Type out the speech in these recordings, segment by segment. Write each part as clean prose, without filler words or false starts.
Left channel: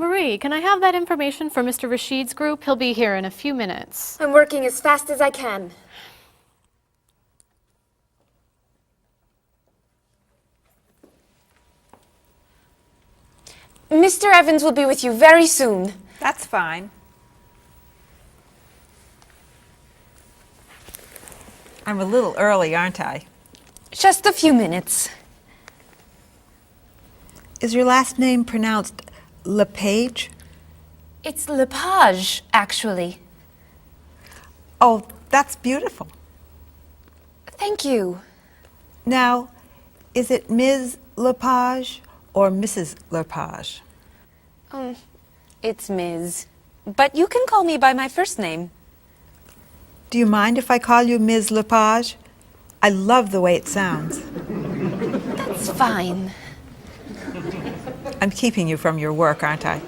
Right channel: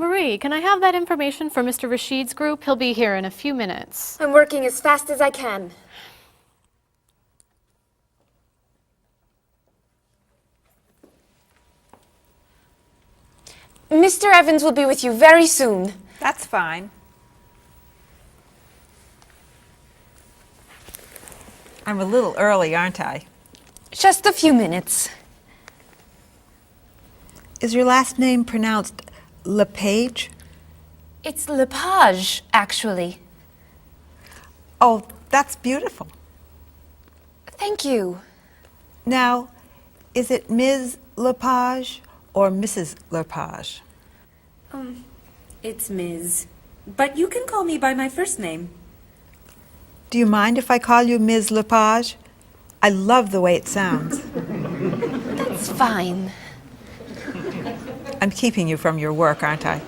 Marie, can I have that information for Mr. Rashid's group? He'll be here in a few minutes. I'm working as fast as I can. Mr. Evans will be with you very soon. That's fine. I'm a little early, aren't I? Just a few minutes. Is your last name pronounced LePage? It's Lepage, actually. Oh, that's beautiful. Thank you. Now, is it Ms. Lepage or Mrs. Lepage? It's Ms. But you can call me by my first name. Do you mind if I call you Ms. Lepage? I love the way it sounds. That's fine. I'm keeping you from your work, aren't I?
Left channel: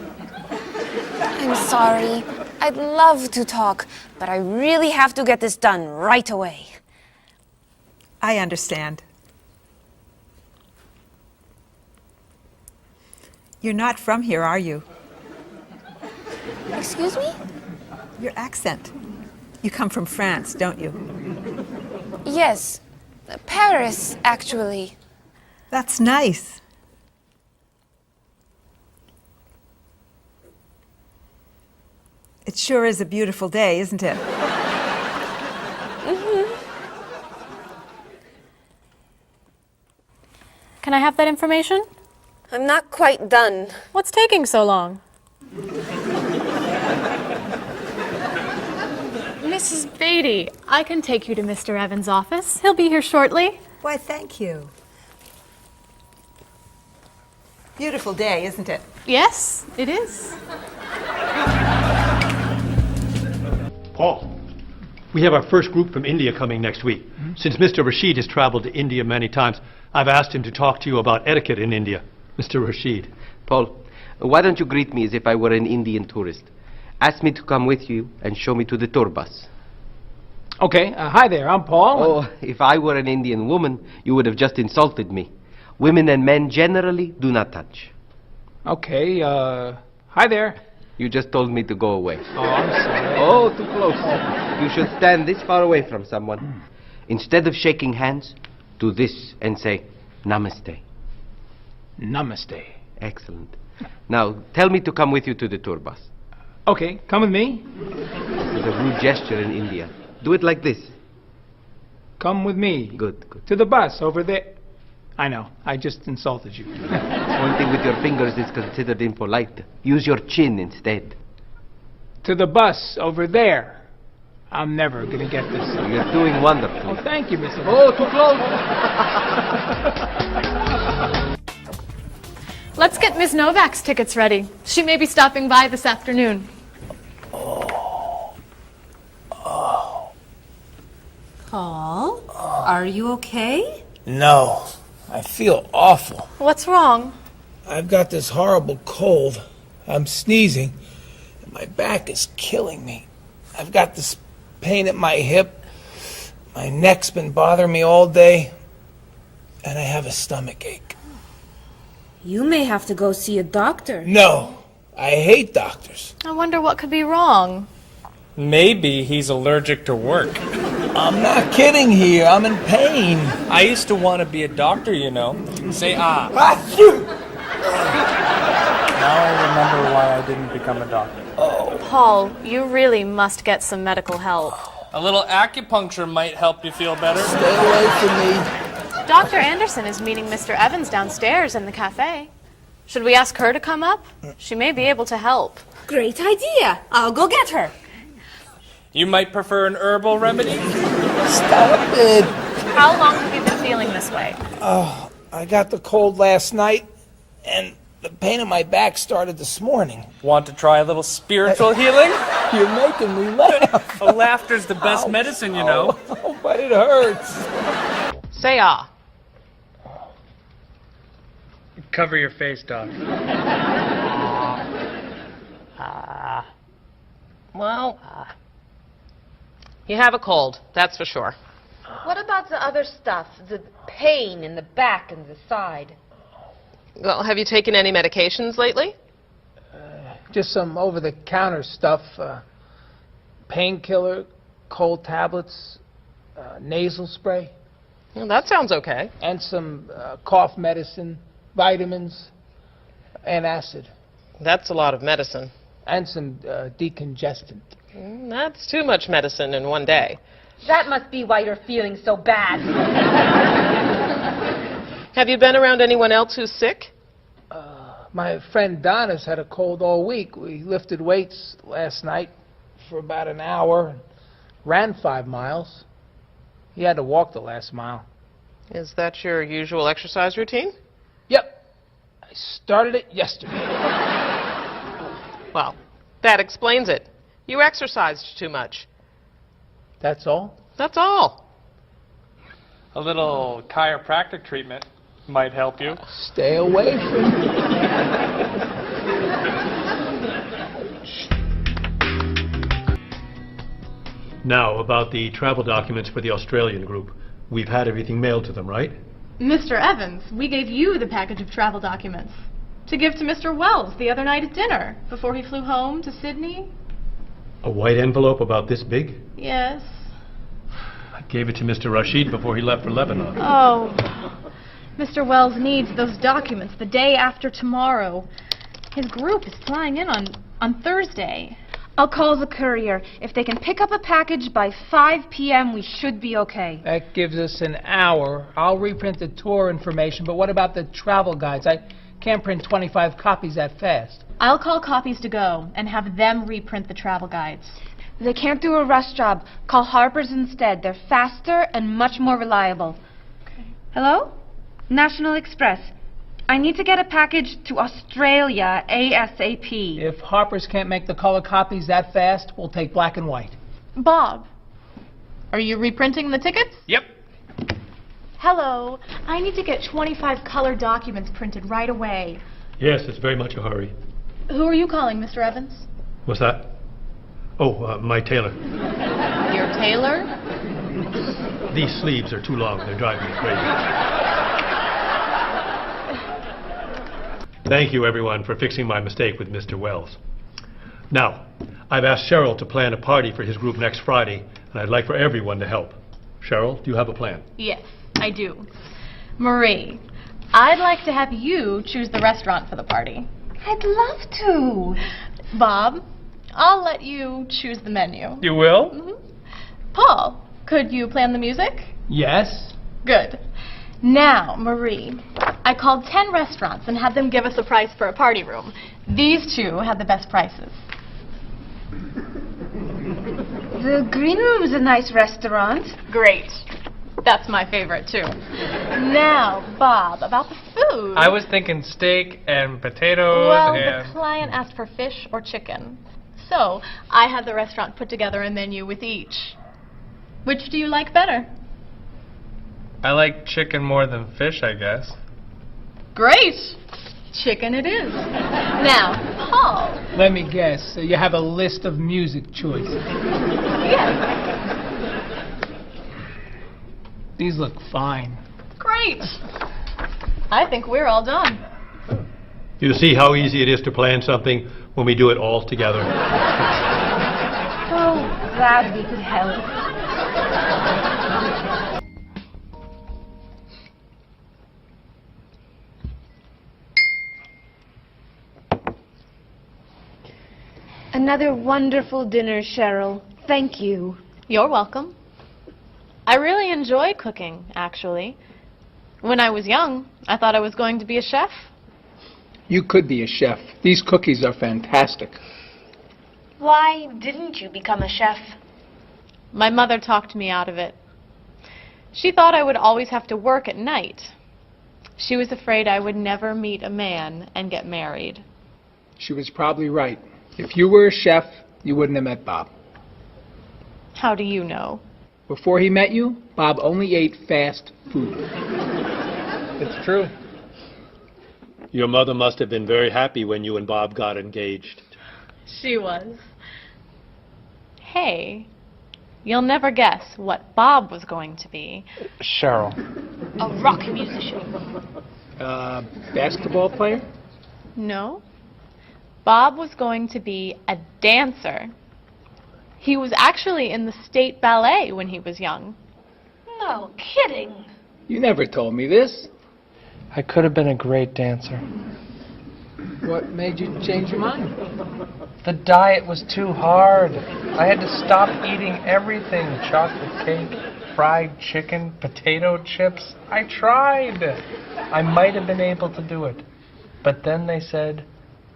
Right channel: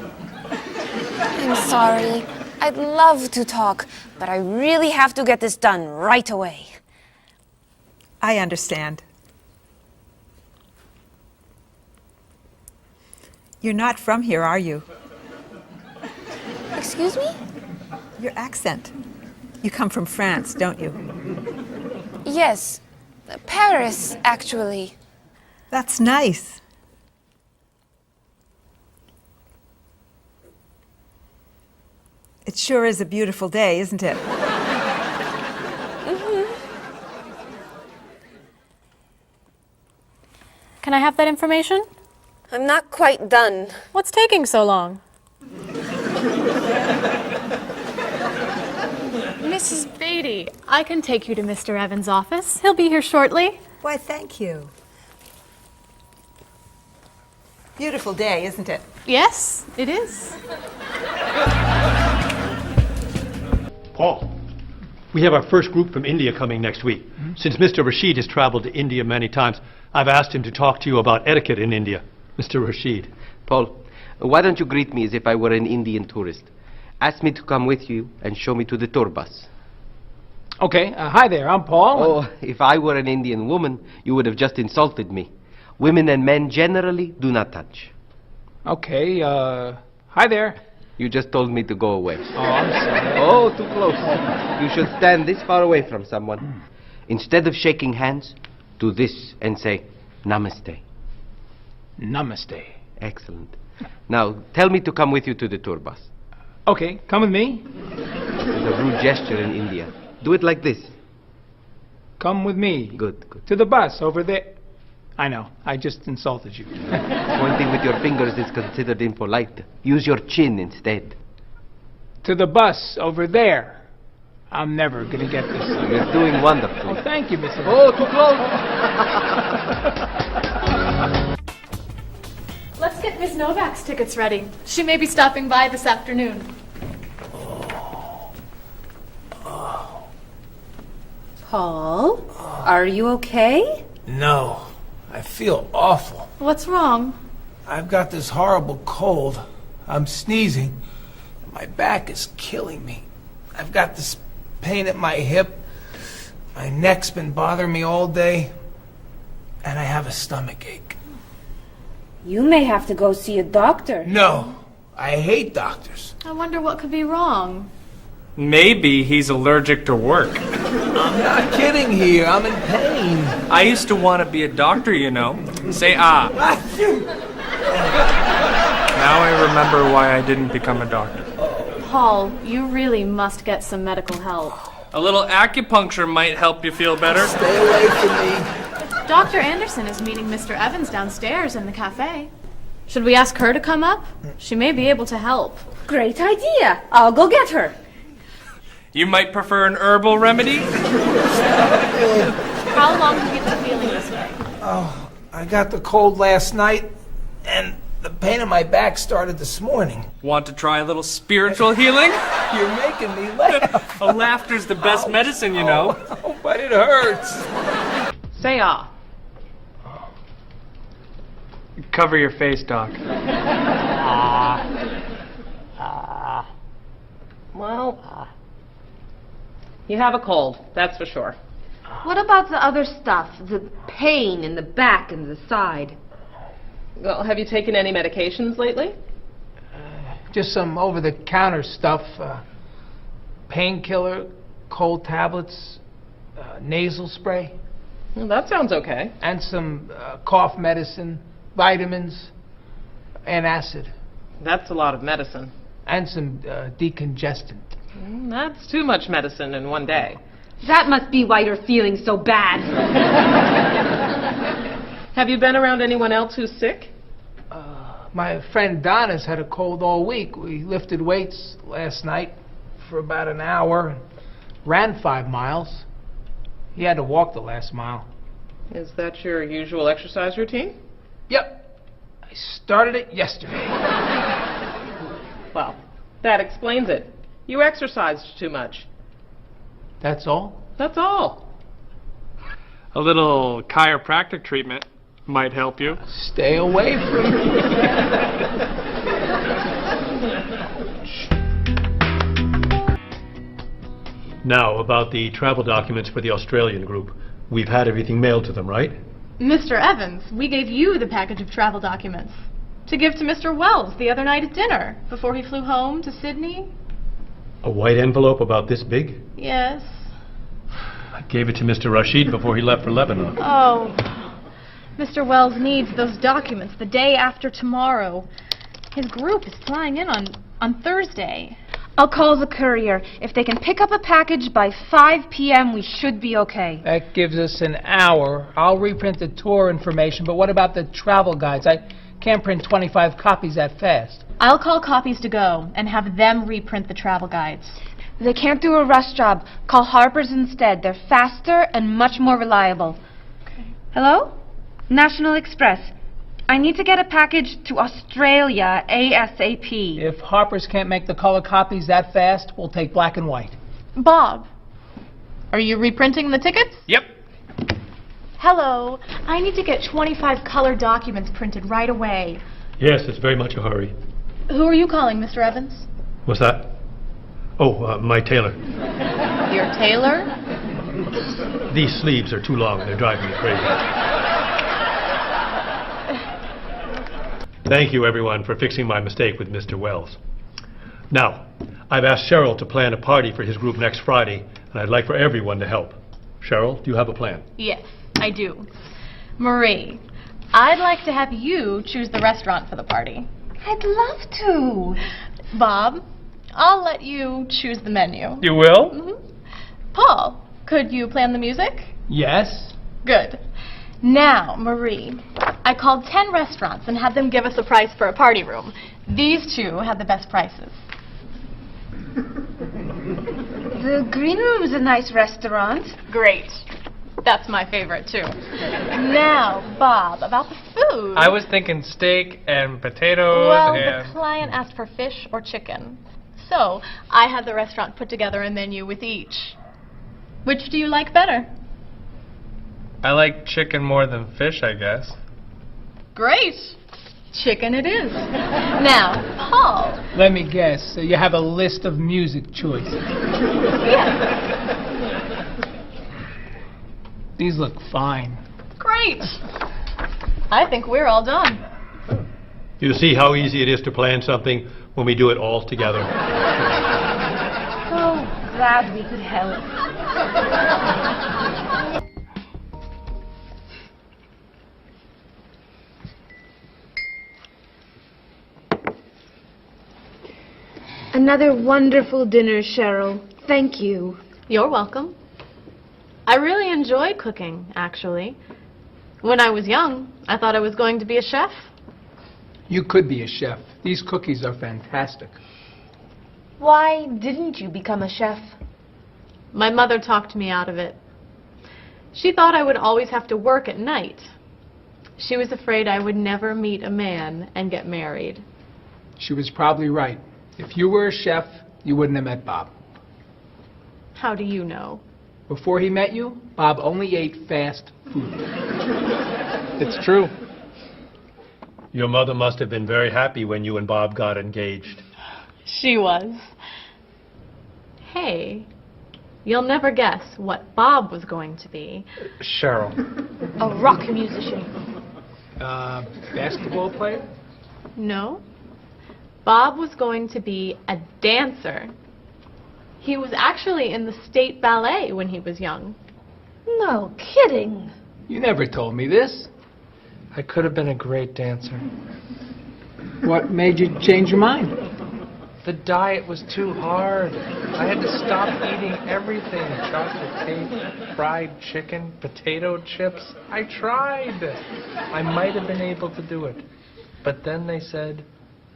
I'm sorry. I'd love to talk, but I really have to get this done right away. I understand. You're not from here, are you? Excuse me? Your accent. You come from France, don't you? Yes. Paris, actually. That's nice. It sure is a beautiful day, isn't it? Can I have that information? I'm not quite done. What's taking so long? Mrs. Beatty, I can take you to Mr. Evans' office. He'll be here shortly. Why, thank you. Beautiful day, isn't it? Yes, it is. Paul, we have our first group from India coming next week. Since Mr. Rashid has traveled to India many times, I've asked him to talk to you about etiquette in India. Mr. Rashid. Paul, why don't you greet me as if I were an Indian tourist? Ask me to come with you and show me to the tour bus. Okay, hi there, I'm Paul. Oh, if I were an Indian woman, you would have just insulted me. Women and men generally do not touch. Okay, hi there. You just told me to go away. Oh, I'm sorry. Oh, too close. You should stand this far away from someone. Instead of shaking hands, do this and say, Namaste. Namaste. Excellent. Now, tell me to come with you to the tour bus. Okay, come with me. This is a rude gesture in India. Do it like this. Come with me. Good, good. To the bus over there. I know, I just insulted you. Pointing with your fingers is considered impolite. Use your chin instead. To the bus over there. I'm never gonna get this. You're doing wonderfully. Oh, thank you, Mr. Oh, too close! Let's get Ms. Novak's tickets ready. She may be stopping by this afternoon. Paul, are you okay? No, I feel awful. What's wrong? I've got this horrible cold. I'm sneezing, and my back is killing me. I've got this pain at my hip. My neck's been bothering me all day, and I have a stomach ache. You may have to go see a doctor. No, I hate doctors. I wonder what could be wrong. Maybe he's allergic to work. I'm not kidding here. I'm in pain. I used to want to be a doctor, you know. Say ah. Now I remember why I didn't become a doctor. Paul, you really must get some medical help. A little acupuncture might help you feel better. Stay away from me. Dr. Anderson is meeting Mr. Evans downstairs in the cafe. Should we ask her to come up? She may be able to help. Great idea. I'll go get her. You might prefer an herbal remedy? Stop it. How long have you been feeling this way? Oh, I got the cold last night, and the pain in my back started this morning. Want to try a little spiritual healing? You're making me laugh. Laughter's the best medicine, you know. Oh, but it hurts. Say ah. Cover your face, Doc. Well, you have a cold, that's for sure. What about the other stuff? The pain in the back and the side? Well, have you taken any medications lately? Just some over-the-counter stuff. Painkiller, cold tablets, nasal spray. Well, that sounds okay. And some cough medicine, vitamins, and acid. That's a lot of medicine. And some decongestant. That's too much medicine in one day. That must be why you're feeling so bad. Have you been around anyone else who's sick? My friend Donna's had a cold all week. We lifted weights last night for about an hour, ran 5 miles. He had to walk the last mile. Is that your usual exercise routine? Yep. I started it yesterday. Well, that explains it. You exercised too much. That's all? That's all. A little chiropractic treatment might help you. Stay away from me. Now, about the travel documents for the Australian group. We've had everything mailed to them, right? Mr. Evans, we gave you the package of travel documents to give to Mr. Wells the other night at dinner before he flew home to Sydney. A white envelope about this big? Yes. I gave it to Mr. Rashid before he left for Lebanon. Oh, Mr. Wells needs those documents the day after tomorrow. His group is flying in on Thursday. I'll call the courier. If they can pick up a package by 5 p.m., we should be okay. That gives us an hour. I'll reprint the tour information, but what about the travel guides? I can't print 25 copies that fast. I'll call Copies to Go and have them reprint the travel guides. They can't do a rush job. Call Harper's instead. They're faster and much more reliable. Okay. Hello? National Express. I need to get a package to Australia ASAP. If Harper's can't make the color copies that fast, we'll take black and white. Bob, are you reprinting the tickets? Yep. Hello. I need to get 25 color documents printed right away. Yes, it's very much a hurry. Who are you calling, Mr. Evans? What's that? Oh, my tailor. Your tailor? These sleeves are too long. They're driving me crazy. Thank you, everyone, for fixing my mistake with Mr. Wells. Now, I've asked Cheryl to plan a party for his group next Friday, and I'd like for everyone to help. Cheryl, do you have a plan? Yes, I do. Marie, I'd like to have you choose the restaurant for the party. I'd love to. Bob, I'll let you choose the menu. You will? Mm-hmm. Paul, could you plan the music? Yes? Good. Now, Marie, I called 10 restaurants and had them give us a price for a party room. These two had the best prices. The Green Room's a nice restaurant. Great. That's my favorite, too. Now, Bob, about the food. I was thinking steak and potatoes Well, and... the client asked for fish or chicken. So, I had the restaurant put together a menu with each. Which do you like better? I like chicken more than fish, I guess. Great. Chicken it is. Now, Paul. Let me guess. You have a list of music choices. Yes. These look fine. Great. I think we're all done. You see how easy it is to plan something when we do it all together? So glad we could help. Another wonderful dinner, Cheryl. Thank you. You're welcome. I really enjoy cooking, actually. When I was young, I thought I was going to be a chef. You could be a chef. These cookies are fantastic. Why didn't you become a chef? My mother talked me out of it. She thought I would always have to work at night. She was afraid I would never meet a man and get married. She was probably right. If you were a chef, you wouldn't have met Bob. How do you know? Before he met you, Bob only ate fast food. It's true. Your mother must have been very happy when you and Bob got engaged. She was. Hey, you'll never guess what Bob was going to be. Cheryl. A rock musician. Basketball player? No. Bob was going to be a dancer. He was actually in the state ballet when he was young. No kidding. You never told me this. I could have been a great dancer. What made you change your mind? The diet was too hard. I had to stop eating everything. Chocolate cake, fried chicken, potato chips. I tried. I might have been able to do it. But then they said,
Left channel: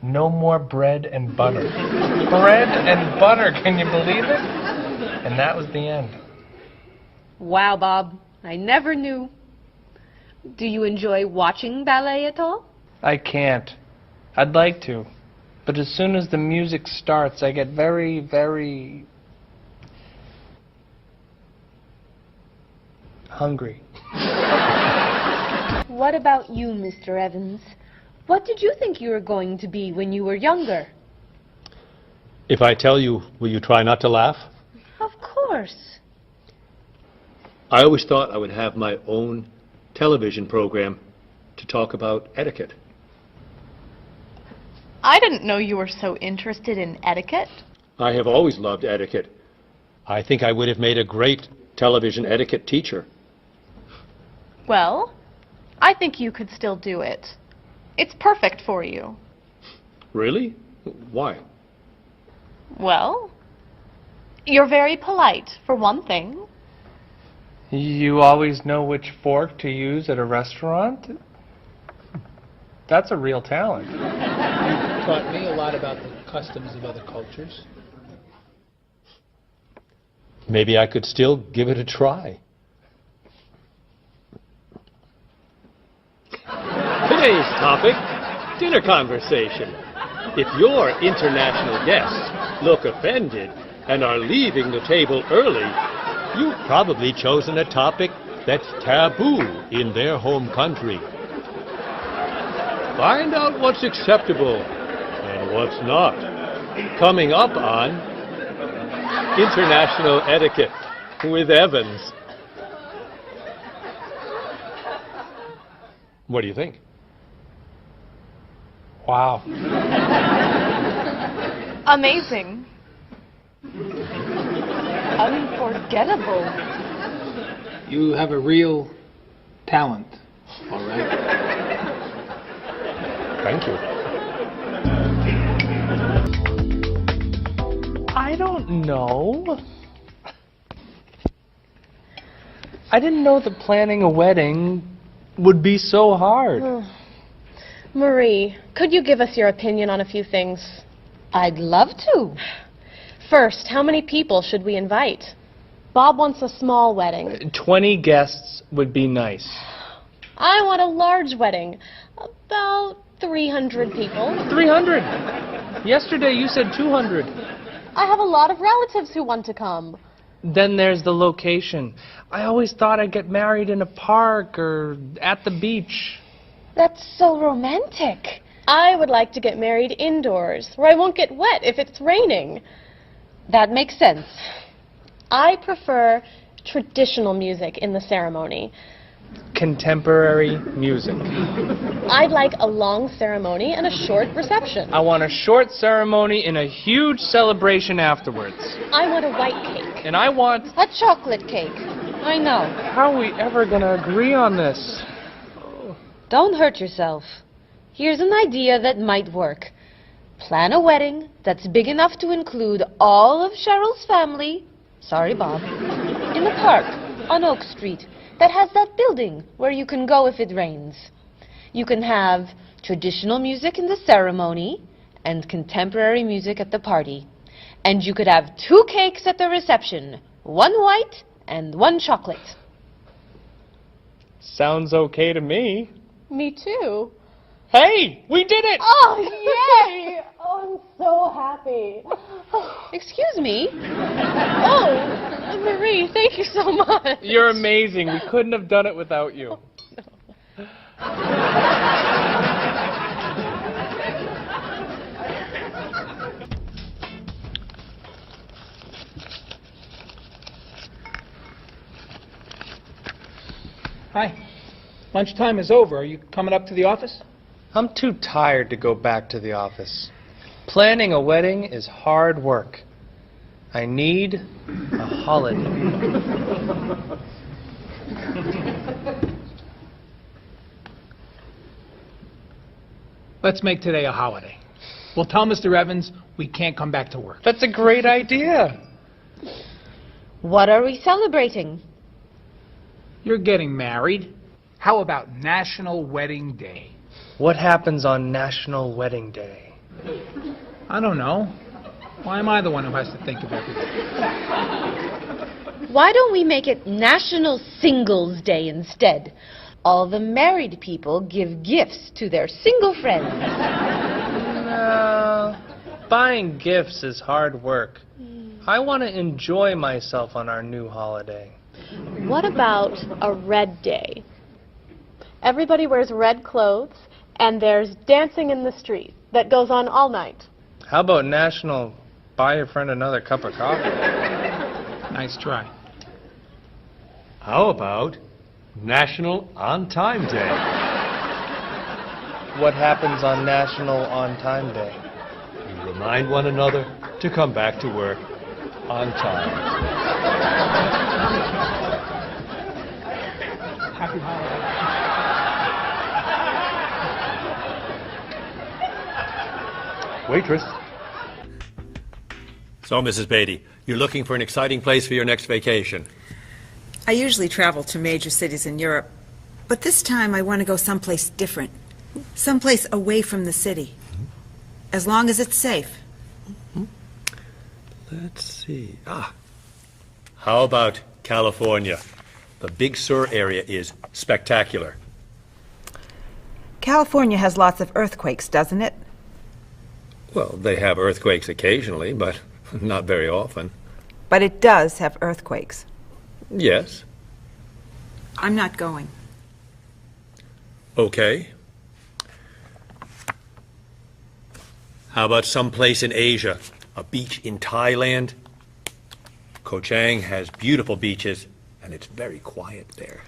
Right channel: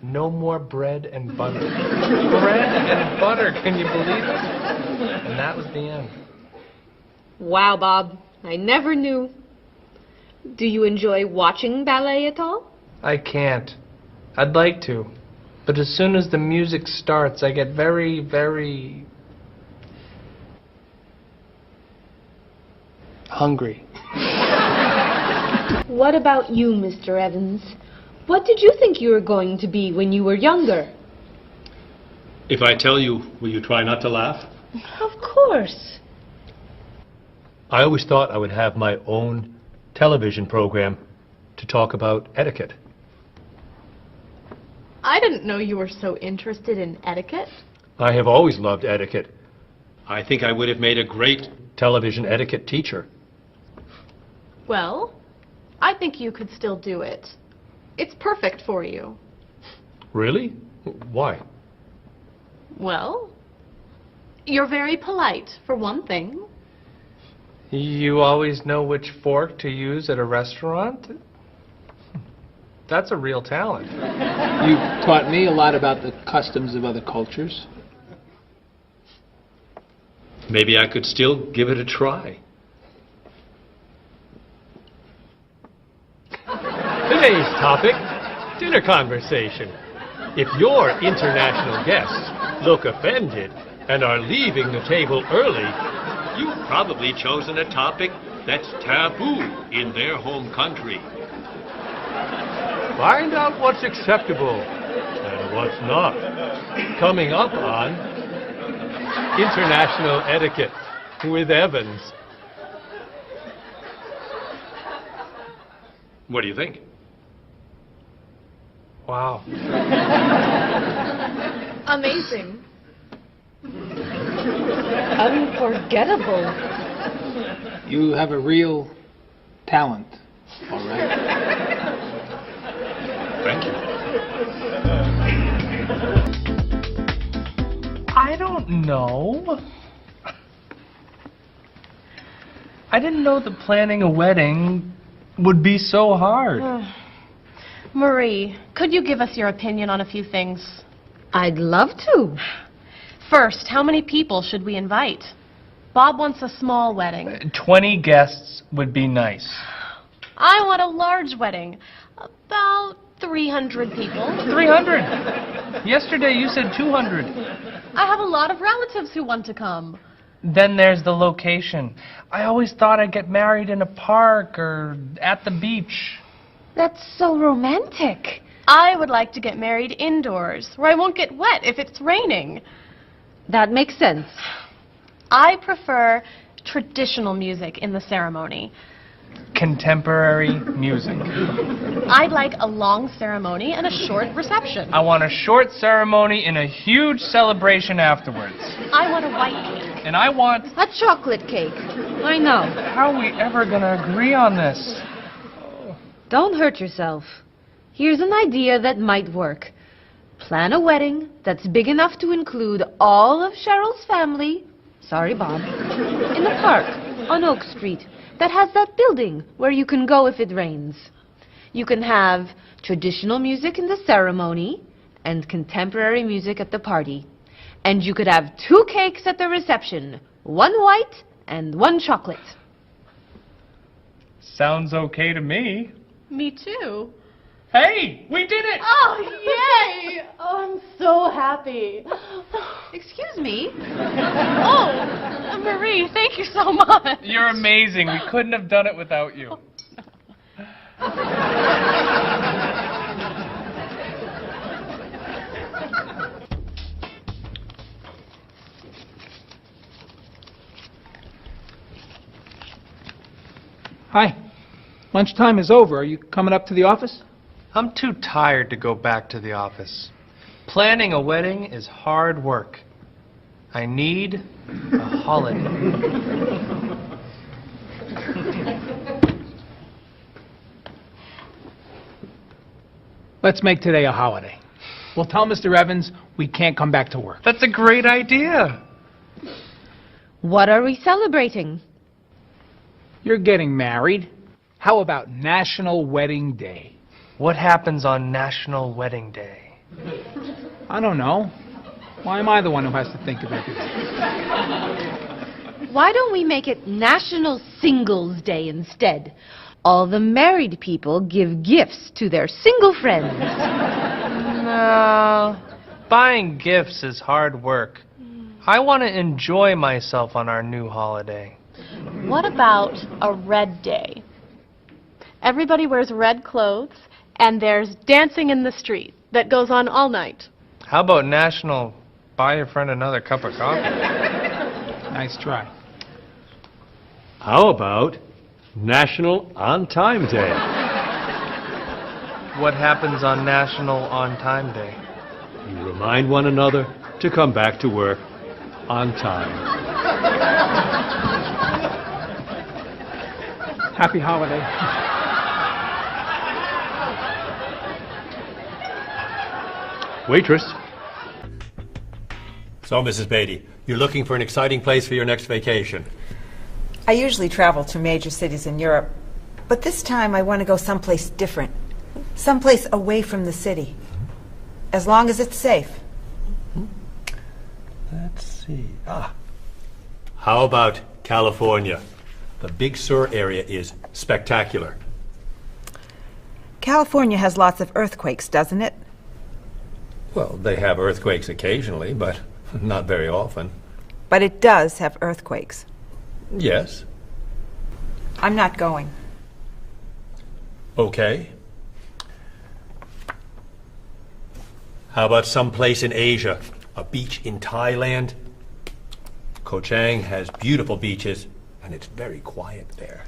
no more bread and butter. Bread and butter, can you believe it? And that was the end. Wow, Bob. I never knew. Do you enjoy watching ballet at all? I can't. I'd like to. But as soon as the music starts, I get very, very hungry. What about you, Mr. Evans? What did you think you were going to be when you were younger? If I tell you, will you try not to laugh? Of course. I always thought I would have my own television program to talk about etiquette. I didn't know you were so interested in etiquette. I have always loved etiquette. I think I would have made a great television etiquette teacher. Well, I think you could still do it. It's perfect for you. Really? Why? Well, you're very polite, for one thing. You always know which fork to use at a restaurant? That's a real talent. You taught me a lot about the customs of other cultures. Maybe I could still give it a try. Today's topic, dinner conversation. If your international guests look offended and are leaving the table early, you've probably chosen a topic that's taboo in their home country. Find out what's acceptable and what's not. Coming up on International Etiquette with Evans. What do you think? Wow. Amazing. Unforgettable. You have a real talent, all right? Thank you. I don't know. I didn't know that planning a wedding would be so hard. Marie, could you give us your opinion on a few things? I'd love to. First, how many people should we invite? Bob wants a small wedding. 20 guests would be nice. I want a large wedding. About 300 people. 300. Yesterday you said 200. I have a lot of relatives who want to come. Then there's the location. I always thought I'd get married in a park or at the beach. That's so romantic. I would like to get married indoors, where I won't get wet if it's raining. That makes sense. I prefer traditional music in the ceremony. Contemporary music. I'd like a long ceremony and a short reception. I want a short ceremony and a huge celebration afterwards. I want a white cake. And I want... A chocolate cake. I know. How are we ever gonna agree on this? Don't hurt yourself. Here's an idea that might work. Plan a wedding that's big enough to include all of Cheryl's family, sorry Bob, in the park on Oak Street that has that building where you can go if it rains. You can have traditional music in the ceremony and contemporary music at the party. And you could have 2 cakes at the reception, 1 white and 1 chocolate. Sounds okay to me. Me too. Hey, we did it! Oh, yay! Oh, I'm so happy. Excuse me. Oh, Marie, thank you so much. You're amazing. We couldn't have done it without you. Hi. Lunchtime is over. Are you coming up to the office? I'm too tired to go back to the office. Planning a wedding is hard work. I need a holiday. Let's make today a holiday. We'll tell Mr. Evans we can't come back to work. That's a great idea. What are we celebrating? You're getting married. How about National Wedding Day? What happens on National Wedding Day? I don't know. Why am I the one who has to think of everything? Why don't we make it National Singles Day instead? All the married people give gifts to their single friends. No. Buying gifts is hard work. I want to enjoy myself on our new holiday. What about a red day? Everybody wears red clothes, and there's dancing in the street that goes on all night. How about National Buy a Friend Another Cup of Coffee? Nice try. How about National On Time Day? What happens on National On Time Day? You remind one another to come back to work on time. Happy holiday. Waitress. So, Mrs. Beatty, you're looking for an exciting place for your next vacation. I usually travel to major cities in Europe, but this time I want to go someplace different. Someplace away from the city. As long as it's safe. Let's see. How about California? The Big Sur area is spectacular. California has lots of earthquakes, doesn't it? Well, they have earthquakes occasionally, but not very often. But it does have earthquakes. Yes. I'm not going. Okay. How about someplace in Asia? A beach in Thailand? Koh Chang has beautiful beaches, and it's very quiet there.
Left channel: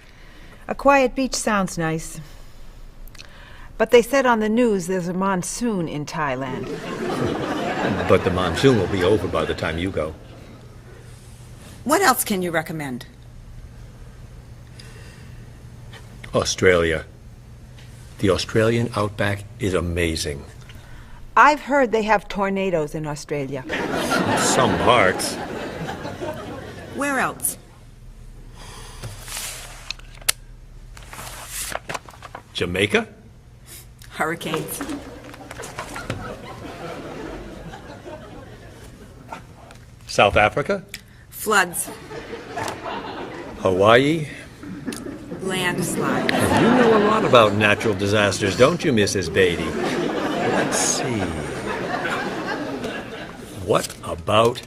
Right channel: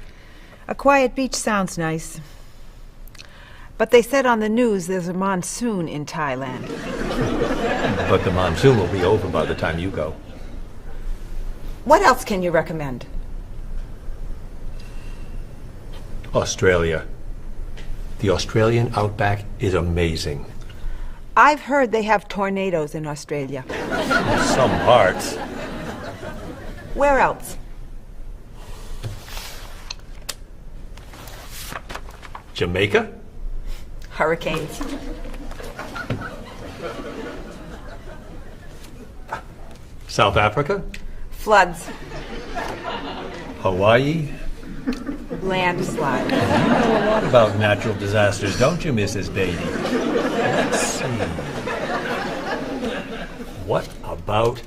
A quiet beach sounds nice. But they said on the news there's a monsoon in Thailand. But the monsoon will be over by the time you go. What else can you recommend? Australia. The Australian outback is amazing. I've heard they have tornadoes in Australia. Some parts. Where else? Jamaica? Hurricanes. South Africa? Floods. Hawaii? Landslides. You know a lot about natural disasters, don't you, Mrs. Beatty? Let's see. What about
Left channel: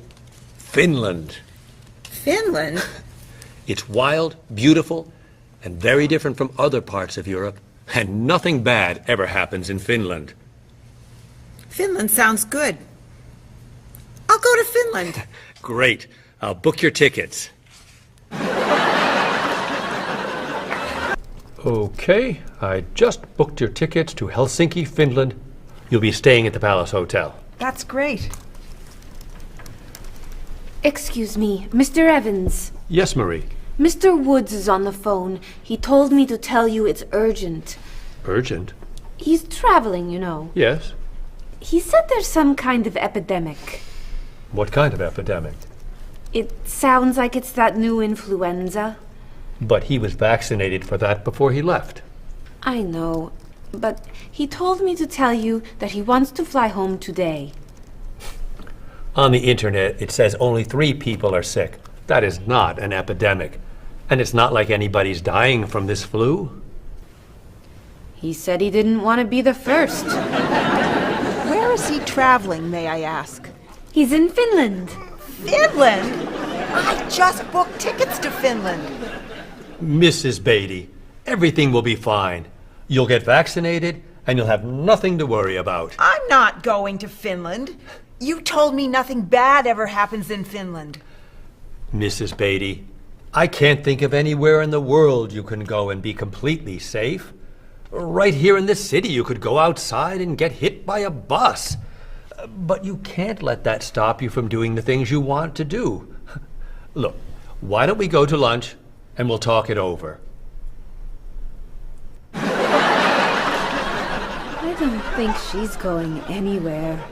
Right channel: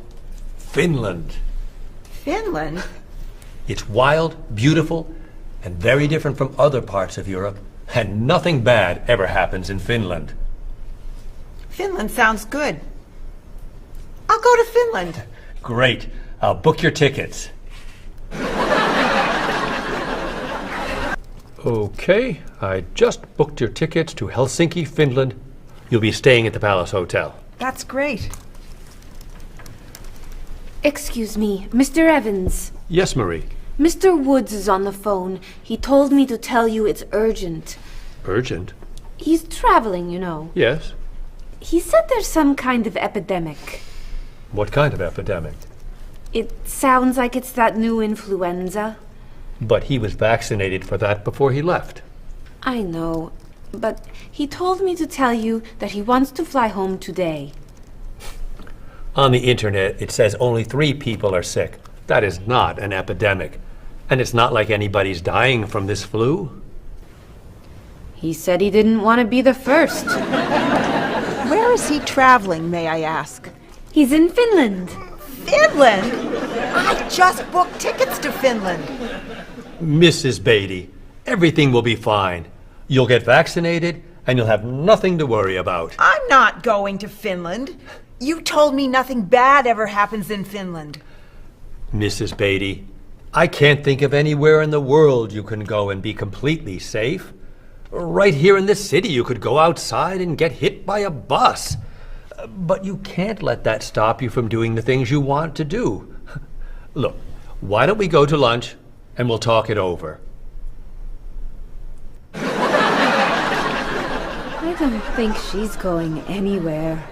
Finland? Finland? It's wild, beautiful, and very different from other parts of Europe, and nothing bad ever happens in Finland. Finland sounds good. I'll go to Finland. Great. I'll book your tickets. Okay, I just booked your tickets to Helsinki, Finland. You'll be staying at the Palace Hotel. That's great. Excuse me, Mr. Evans. Yes, Marie. Mr. Woods is on the phone. He told me to tell you it's urgent. Urgent? He's traveling, you know. Yes. He said there's some kind of epidemic. What kind of epidemic? It sounds like it's that new influenza. But he was vaccinated for that before he left. I know, but he told me to tell you that he wants to fly home today. On the internet, it says only 3 people are sick. That is not an epidemic. And it's not like anybody's dying from this flu. He said he didn't want to be the first. Where is he traveling, may I ask? He's in Finland. Finland? I just booked tickets to Finland. Mrs. Beatty, everything will be fine. You'll get vaccinated, and you'll have nothing to worry about. I'm not going to Finland. You told me nothing bad ever happens in Finland. Mrs. Beatty, I can't think of anywhere in the world you can go and be completely safe. Right here in this city, you could go outside and get hit by a bus. But you can't let that stop you from doing the things you want to do. Look, why don't we go to lunch and we'll talk it over? I don't think she's going anywhere.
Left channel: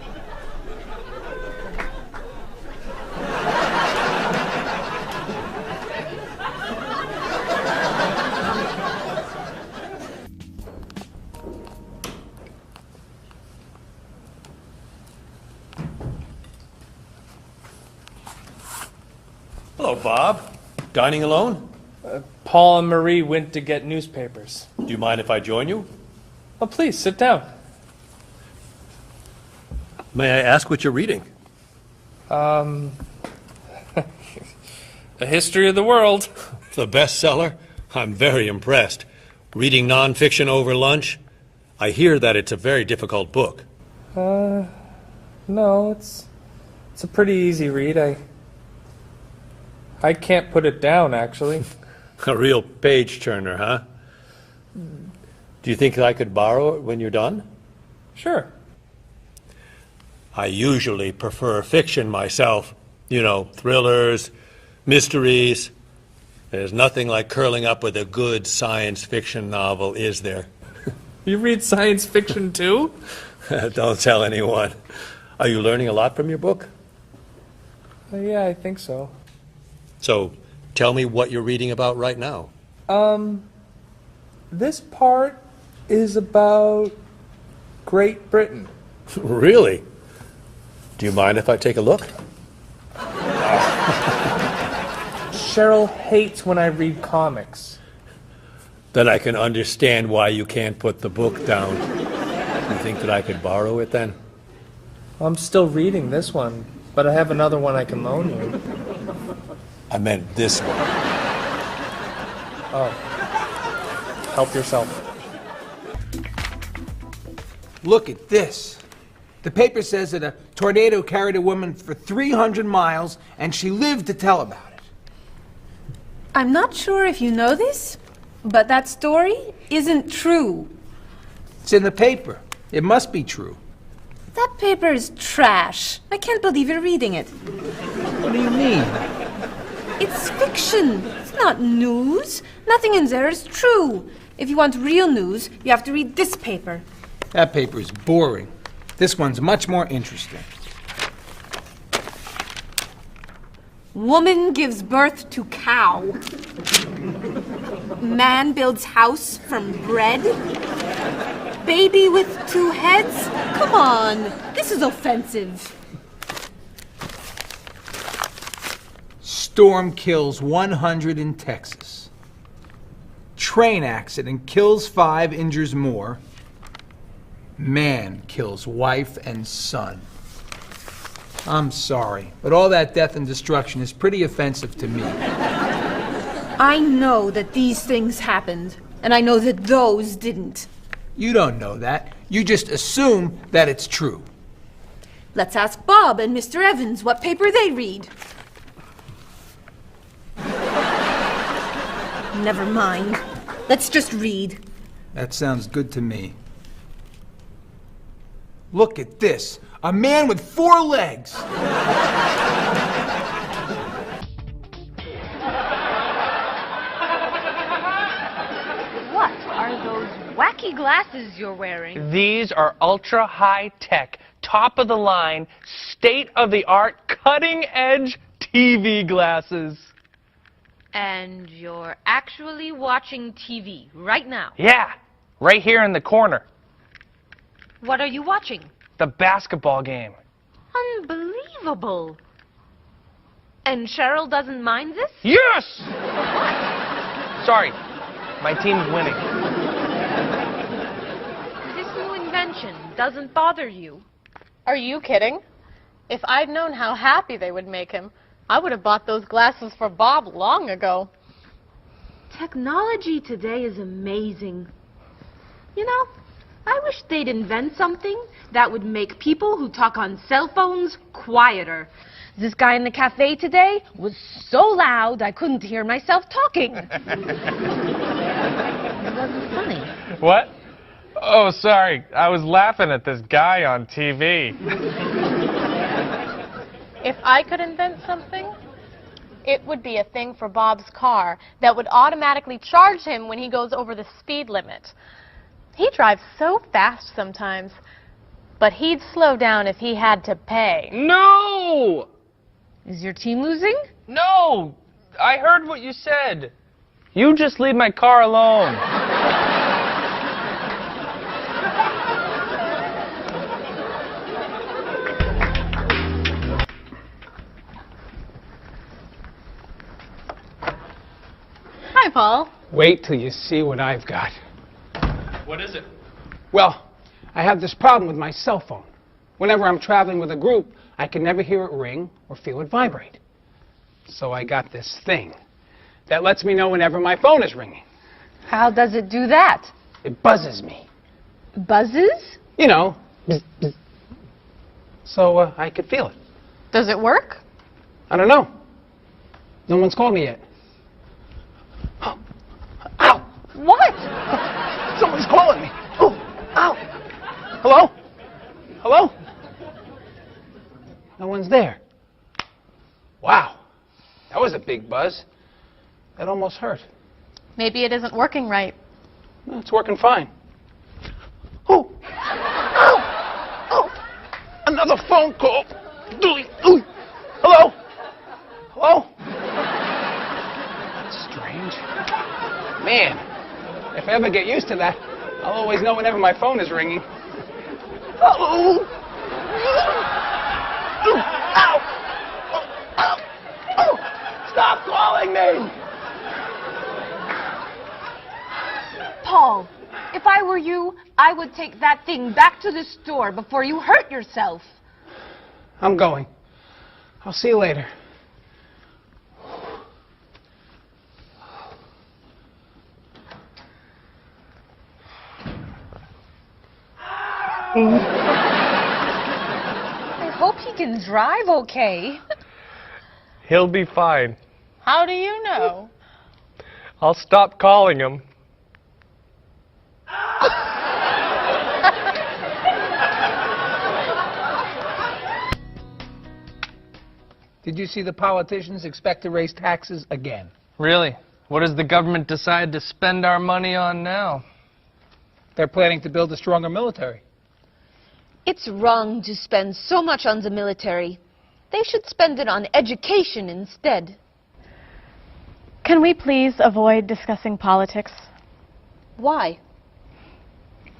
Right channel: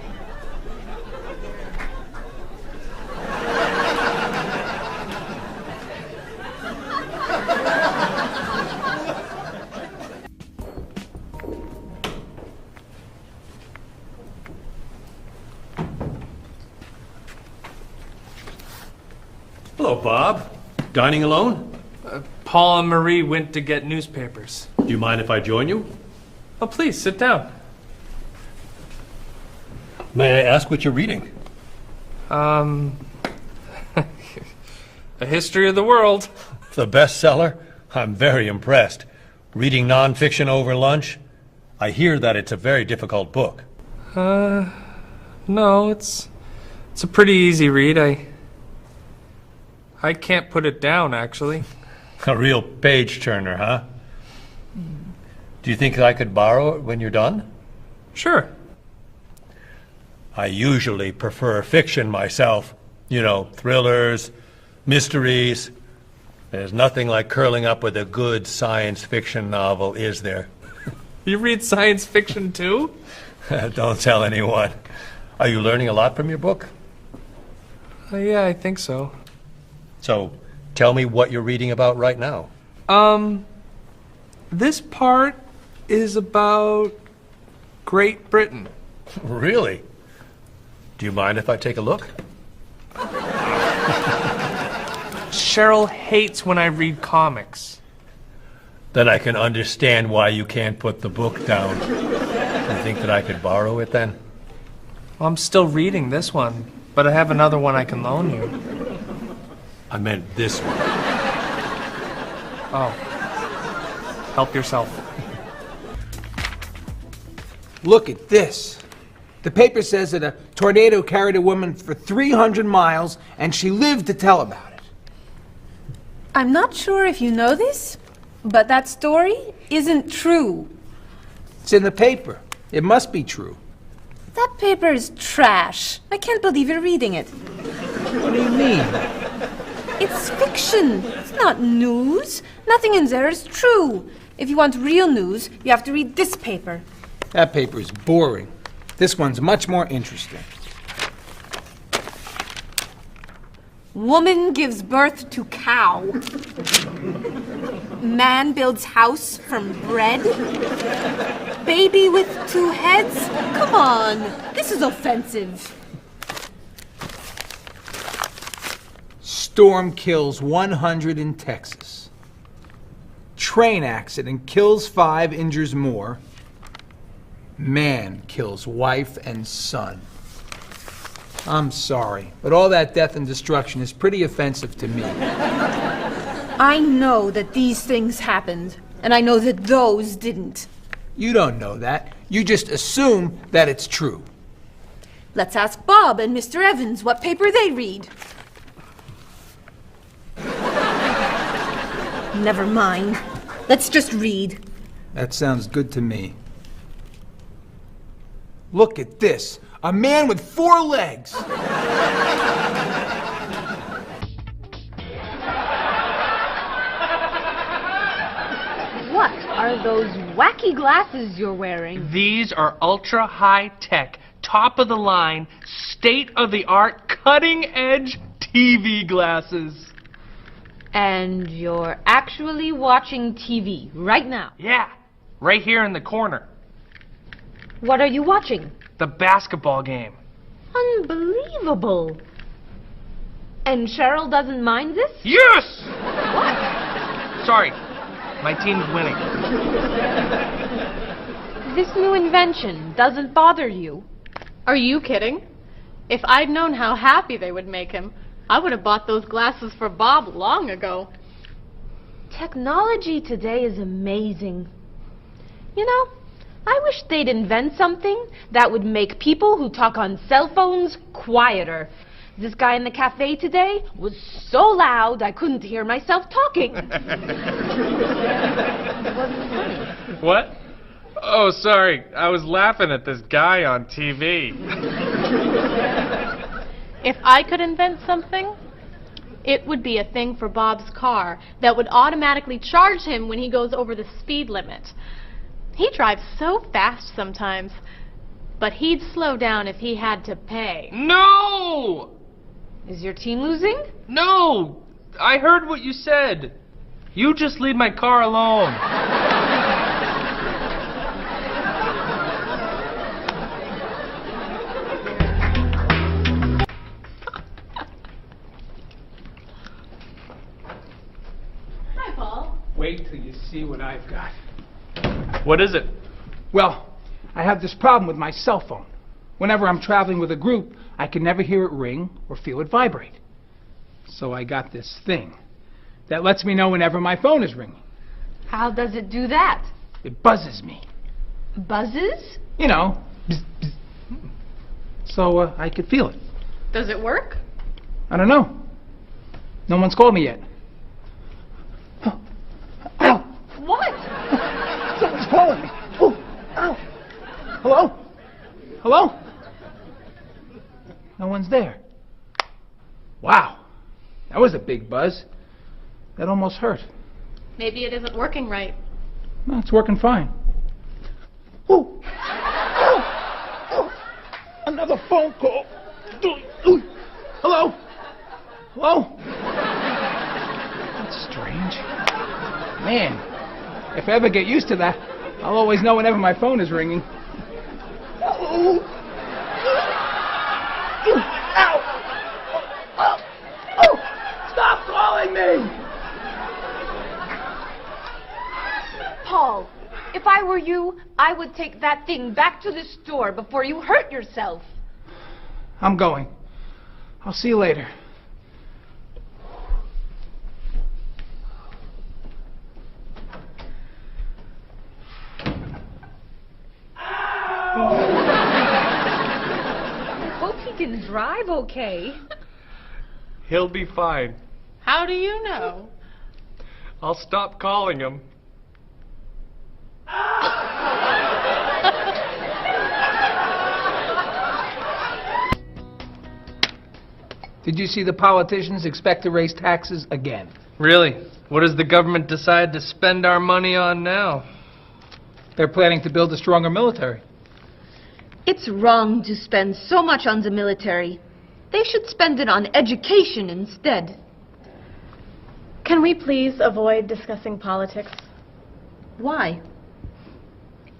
Hello, Bob. Dining alone? Paul and Marie went to get newspapers. Do you mind if I join you? Oh, please, sit down. May I ask what you're reading? A History of the World. The bestseller? I'm very impressed. Reading nonfiction over lunch? I hear that it's a very difficult book. No, it's a pretty easy read. I can't put it down, actually. A real page turner, huh? Do you think I could borrow it when you're done? Sure. I usually prefer fiction myself. You know, thrillers, mysteries. There's nothing like curling up with a good science fiction novel, is there? You read science fiction too? Don't tell anyone. Are you learning a lot from your book? Yeah, I think so. So, tell me what you're reading about right now. This part is about Great Britain. Really? Do you mind if I take a look? Cheryl hates when I read comics. Then I can understand why you can't put the book down. You think that I could borrow it then? Well, I'm still reading this one, but I have another one I can loan you. I meant this one. Oh. Help yourself. Look at this. The paper says that a tornado carried a woman for 300 miles, and she lived to tell about it. I'm not sure if you know this, but that story isn't true. It's in the paper. It must be true. That paper is trash. I can't believe you're reading it. What do you mean? It's fiction. It's not news. Nothing in there is true. If you want real news, you have to read this paper. That paper is boring. This one's much more interesting. Woman gives birth to cow. Man builds house from bread. Baby with 2 heads? Come on, this is offensive. Storm kills 100 in Texas. Train accident kills 5, injures more. Man kills wife and son. I'm sorry, but all that death and destruction is pretty offensive to me. I know that these things happened, and I know that those didn't. You don't know that. You just assume that it's true. Let's ask Bob and Mr. Evans what paper they read. Never mind. Let's just read. That sounds good to me. Look at this. A man with 4 legs. What are those wacky glasses you're wearing? These are ultra high tech, top of the line, state of the art, cutting edge TV glasses. And you're actually watching TV right now? Yeah, right here in the corner. What are you watching? The basketball game. Unbelievable. And Cheryl doesn't mind this? Yes! Sorry, my team's winning. This new invention doesn't bother you? Are you kidding? If I'd known how happy they would make him, I would have bought those glasses for Bob long ago. Technology today is amazing. You know, I wish they'd invent something that would make people who talk on cell phones quieter. This guy in the cafe today was so loud I couldn't hear myself talking. It wasn't funny. What? Oh, sorry. I was laughing at this guy on TV. If I could invent something, it would be a thing for Bob's car that would automatically charge him when he goes over the speed limit. He drives so fast sometimes, but he'd slow down if he had to pay. No! Is your team losing? No! I heard what you said. You just leave my car alone. Hi, Paul. Wait till you see what I've got. What is it? Well, I have this problem with my cell phone. Whenever I'm traveling with a group, I can never hear it ring or feel it vibrate. So I got this thing that lets me know whenever my phone is ringing. How does it do that? It buzzes me. Buzzes? You know, bzz, bzz. So I could feel it. Does it work? I don't know. No one's called me yet. Ow! What? Someone's calling me. Oh, ow! Hello? Hello? No one's there. Wow. That was a big buzz. That almost hurt. Maybe it isn't working right. No, it's working fine. Oh! Ow! Oh! Another phone call. Ooh. Hello? Hello? That's strange. Man, if I ever get used to that, I'll always know whenever my phone is ringing. Oh! Ow! Ow! Oh! Stop calling me! Paul, if I were you, I would take that thing back to the store before you hurt yourself. I'm going. I'll see you later. I hope he can drive okay. He'll be fine. How do you know? I'll stop calling him. Did you see the politicians expect to raise taxes again? Really? What does the government decide to spend our money on now? They're planning to build a stronger military. It's wrong to spend so much on the military. They should spend it on education instead. Can we please avoid discussing politics? Why?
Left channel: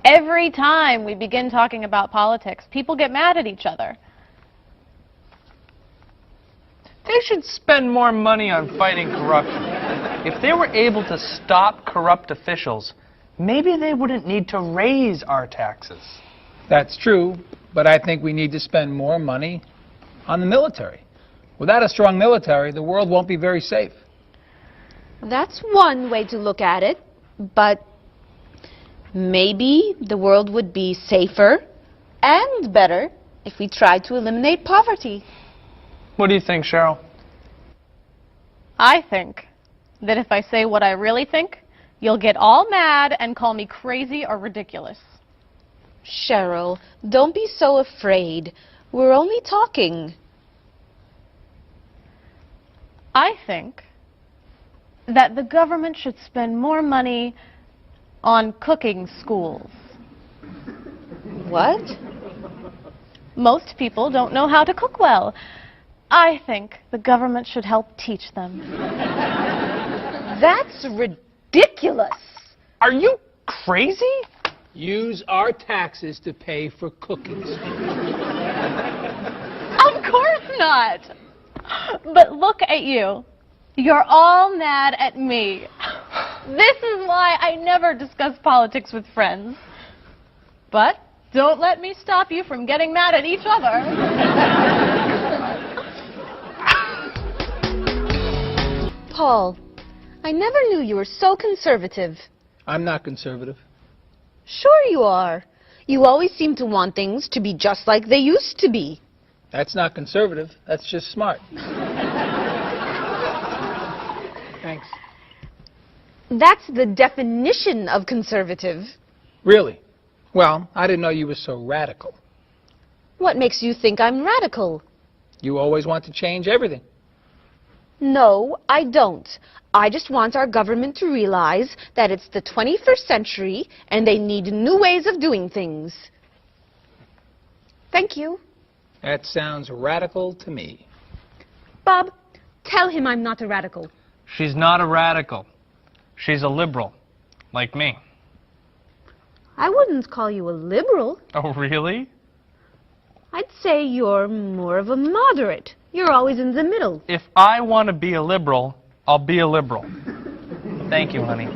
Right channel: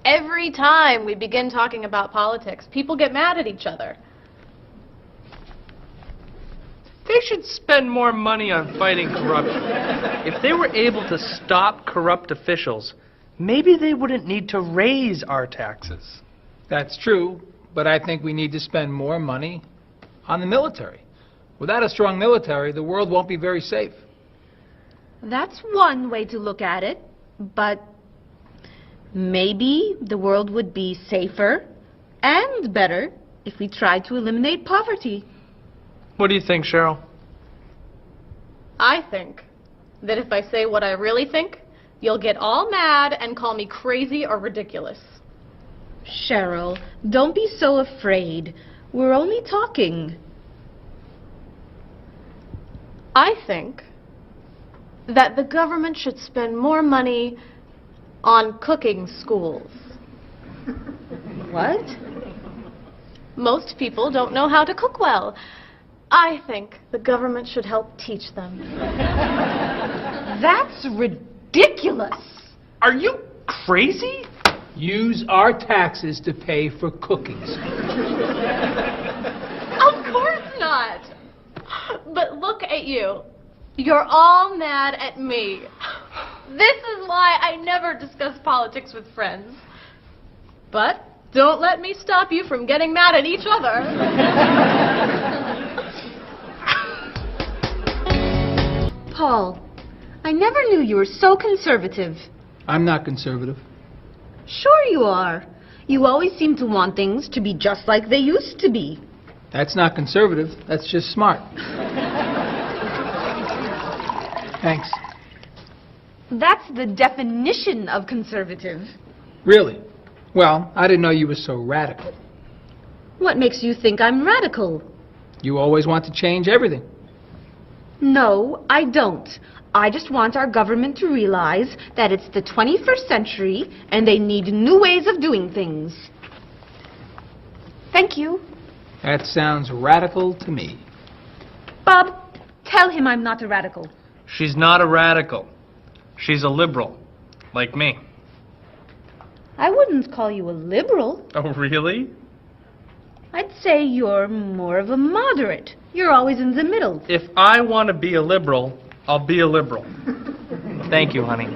Every time we begin talking about politics, people get mad at each other. They should spend more money on fighting corruption. If they were able to stop corrupt officials, maybe they wouldn't need to raise our taxes. That's true, but I think we need to spend more money on the military. Without a strong military, the world won't be very safe. That's one way to look at it, but maybe the world would be safer and better if we tried to eliminate poverty. What do you think, Cheryl? I think that if I say what I really think, you'll get all mad and call me crazy or ridiculous. Cheryl, don't be so afraid. We're only talking. I think that the government should spend more money on cooking schools. What? Most people don't know how to cook well. I think the government should help teach them. That's ridiculous. Are you crazy? Use our taxes to pay for cooking schools. Of course not. But look at you. You're all mad at me. This is why I never discuss politics with friends. But don't let me stop you from getting mad at each other. Paul, I never knew you were so conservative. I'm not conservative. Sure you are. You always seem to want things to be just like they used to be. That's not conservative. That's just smart. Thanks. That's the definition of conservative. Really? Well, I didn't know you were so radical. What makes you think I'm radical? You always want to change everything. No, I don't. I just want our government to realize that it's the 21st century and they need new ways of doing things. Thank you. That sounds radical to me. Bob, tell him I'm not a radical. She's not a radical. She's a liberal, like me. I wouldn't call you a liberal. Oh, really? I'd say you're more of a moderate. You're always in the middle. If I want to be a liberal, I'll be a liberal. Thank you, honey.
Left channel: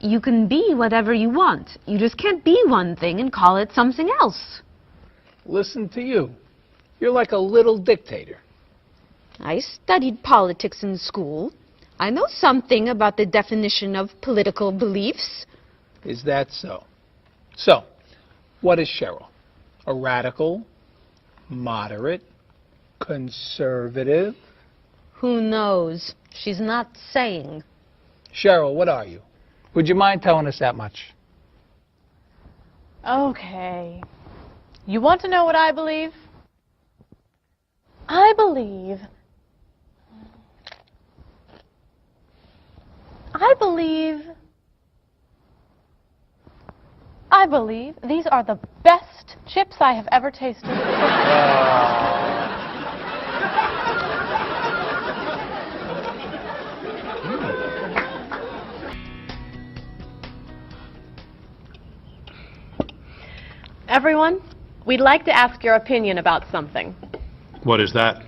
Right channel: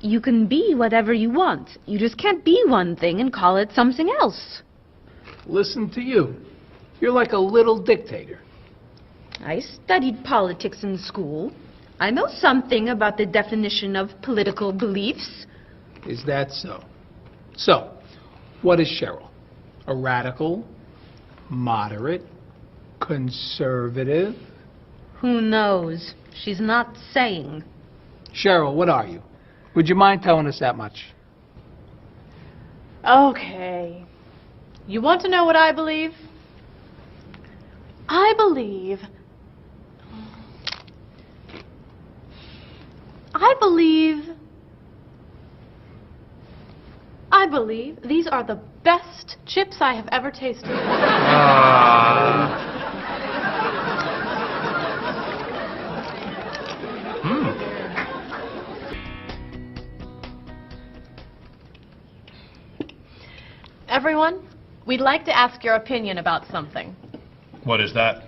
You can be whatever you want. You just can't be one thing and call it something else. Listen to you. You're like a little dictator. I studied politics in school. I know something about the definition of political beliefs. Is that so? So, what is Cheryl? A radical, moderate, conservative? Who knows? She's not saying. Cheryl, what are you? Would you mind telling us that much? Okay. You want to know what I believe? I believe these are the best chips I have ever tasted. Everyone, we'd like to ask your opinion about something. What is that?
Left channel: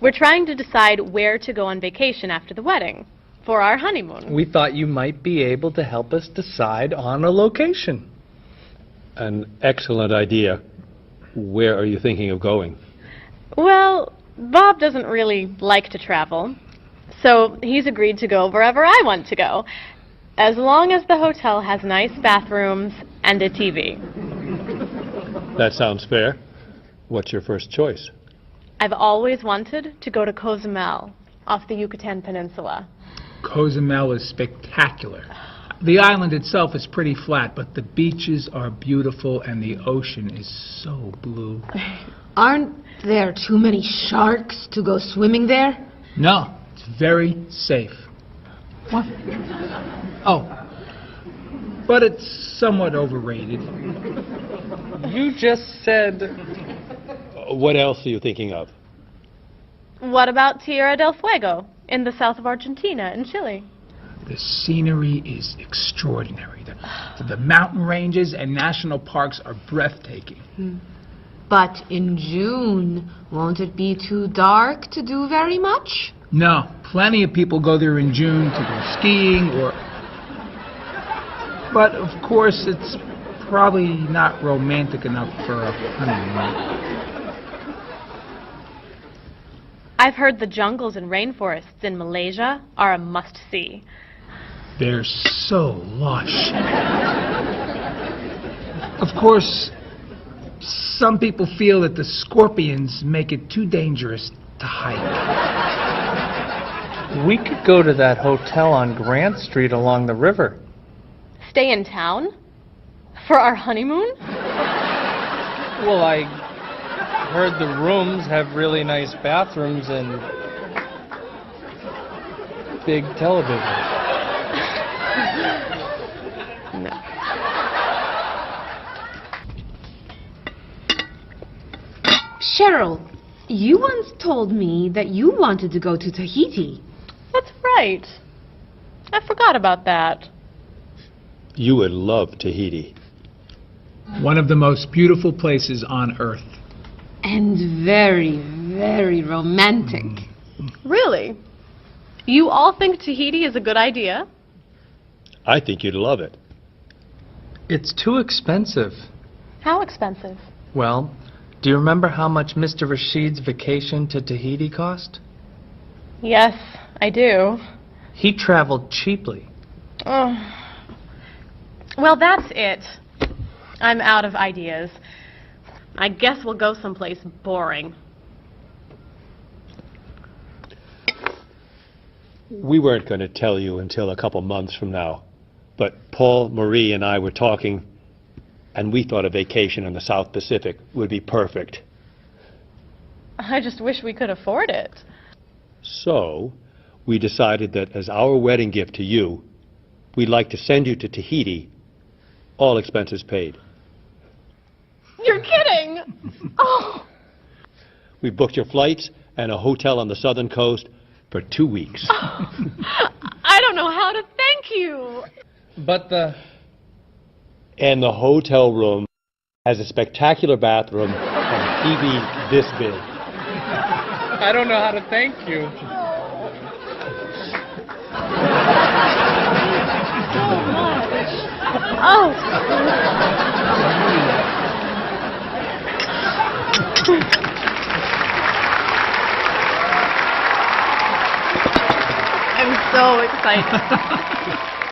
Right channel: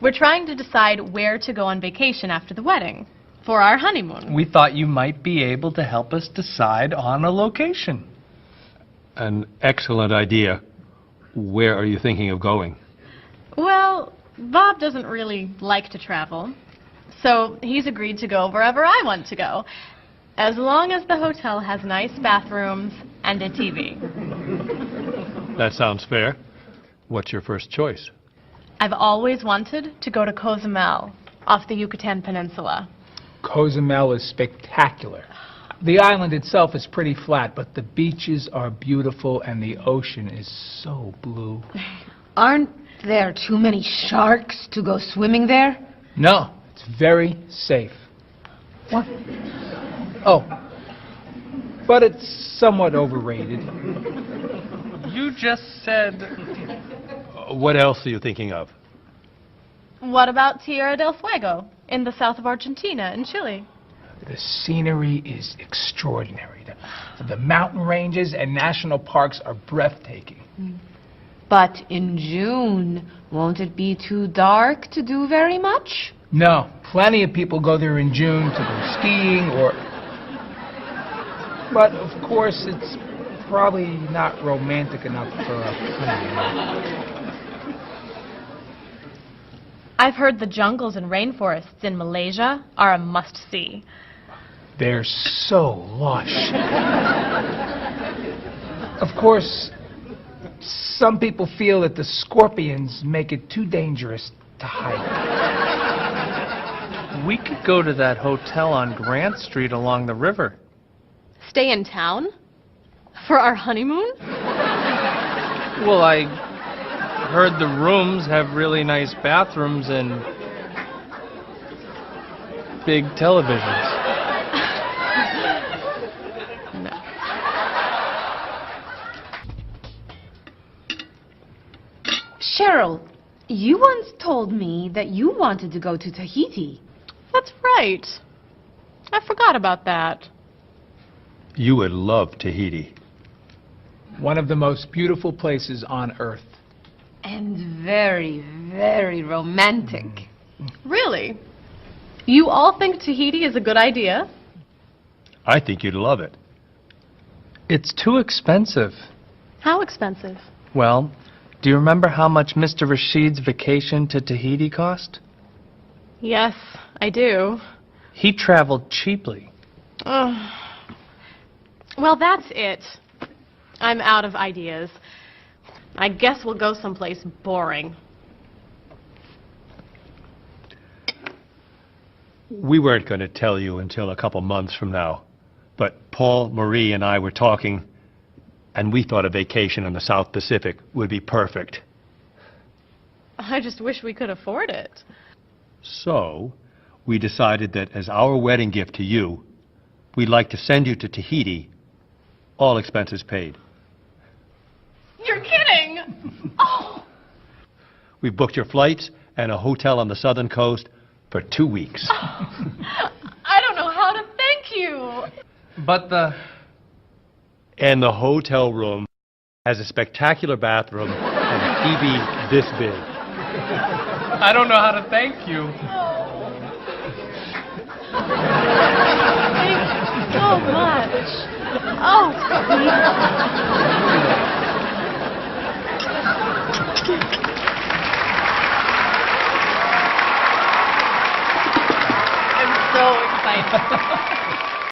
We're trying to decide where to go on vacation after the wedding for our honeymoon. We thought you might be able to help us decide on a location. An excellent idea. Where are you thinking of going? Well, Bob doesn't really like to travel, so he's agreed to go wherever I want to go, as long as the hotel has nice bathrooms and a TV. That sounds fair. What's your first choice? I've always wanted to go to Cozumel, off the Yucatan Peninsula. Cozumel is spectacular. The island itself is pretty flat, but the beaches are beautiful and the ocean is so blue. Aren't there too many sharks to go swimming there? No, it's very safe. What? Oh, but it's somewhat overrated. You just said... What else are you thinking of? What about Tierra del Fuego, in the south of Argentina and Chile? The scenery is extraordinary. The mountain ranges and national parks are breathtaking. But in June, won't it be too dark to do very much? No, plenty of people go there in June to go skiing or... But, of course, it's probably not romantic enough for a honeymoon. I've heard the jungles and rainforests in Malaysia are a must-see. They're so lush. Of course, some people feel that the scorpions make it too dangerous to hike. We could go to that hotel on Grant Street along the river. Stay in town? For our honeymoon? Well, I heard the rooms have really nice bathrooms and big televisions. No. Cheryl, you once told me that you wanted to go to Tahiti. That's right. I forgot about that. You would love Tahiti. One of the most beautiful places on Earth. And very, very romantic. Really? You all think Tahiti is a good idea? I think you'd love it. It's too expensive. How expensive? Well, do you remember how much Mr. Rashid's vacation to Tahiti cost? Yes, I do. He traveled cheaply. Oh. Well, that's it. I'm out of ideas. I guess we'll go someplace boring. We weren't going to tell you until a couple months from now, but Paul, Marie, and I were talking. And we thought a vacation on the South Pacific would be perfect. I just wish we could afford it. So, we decided that as our wedding gift to you, we'd like to send you to Tahiti, all expenses paid. You're kidding! Oh, We booked your flights and a hotel on the southern coast for 2 weeks. I don't know how to thank you. But the... And the hotel room has a spectacular bathroom and a TV this big. I don't know how to thank you. So much. Oh. I'm so excited.